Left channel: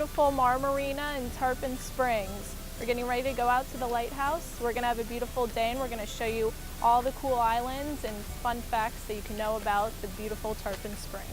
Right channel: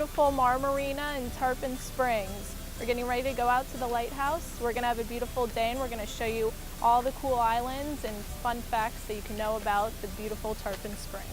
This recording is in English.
beautiful Marina in Tarpon Springs. We're getting ready to go out to the lighthouse. We're going to have a beautiful day, and we're going to show you all the cool islands and fun facts that you can know about the beautiful Tarpon Springs.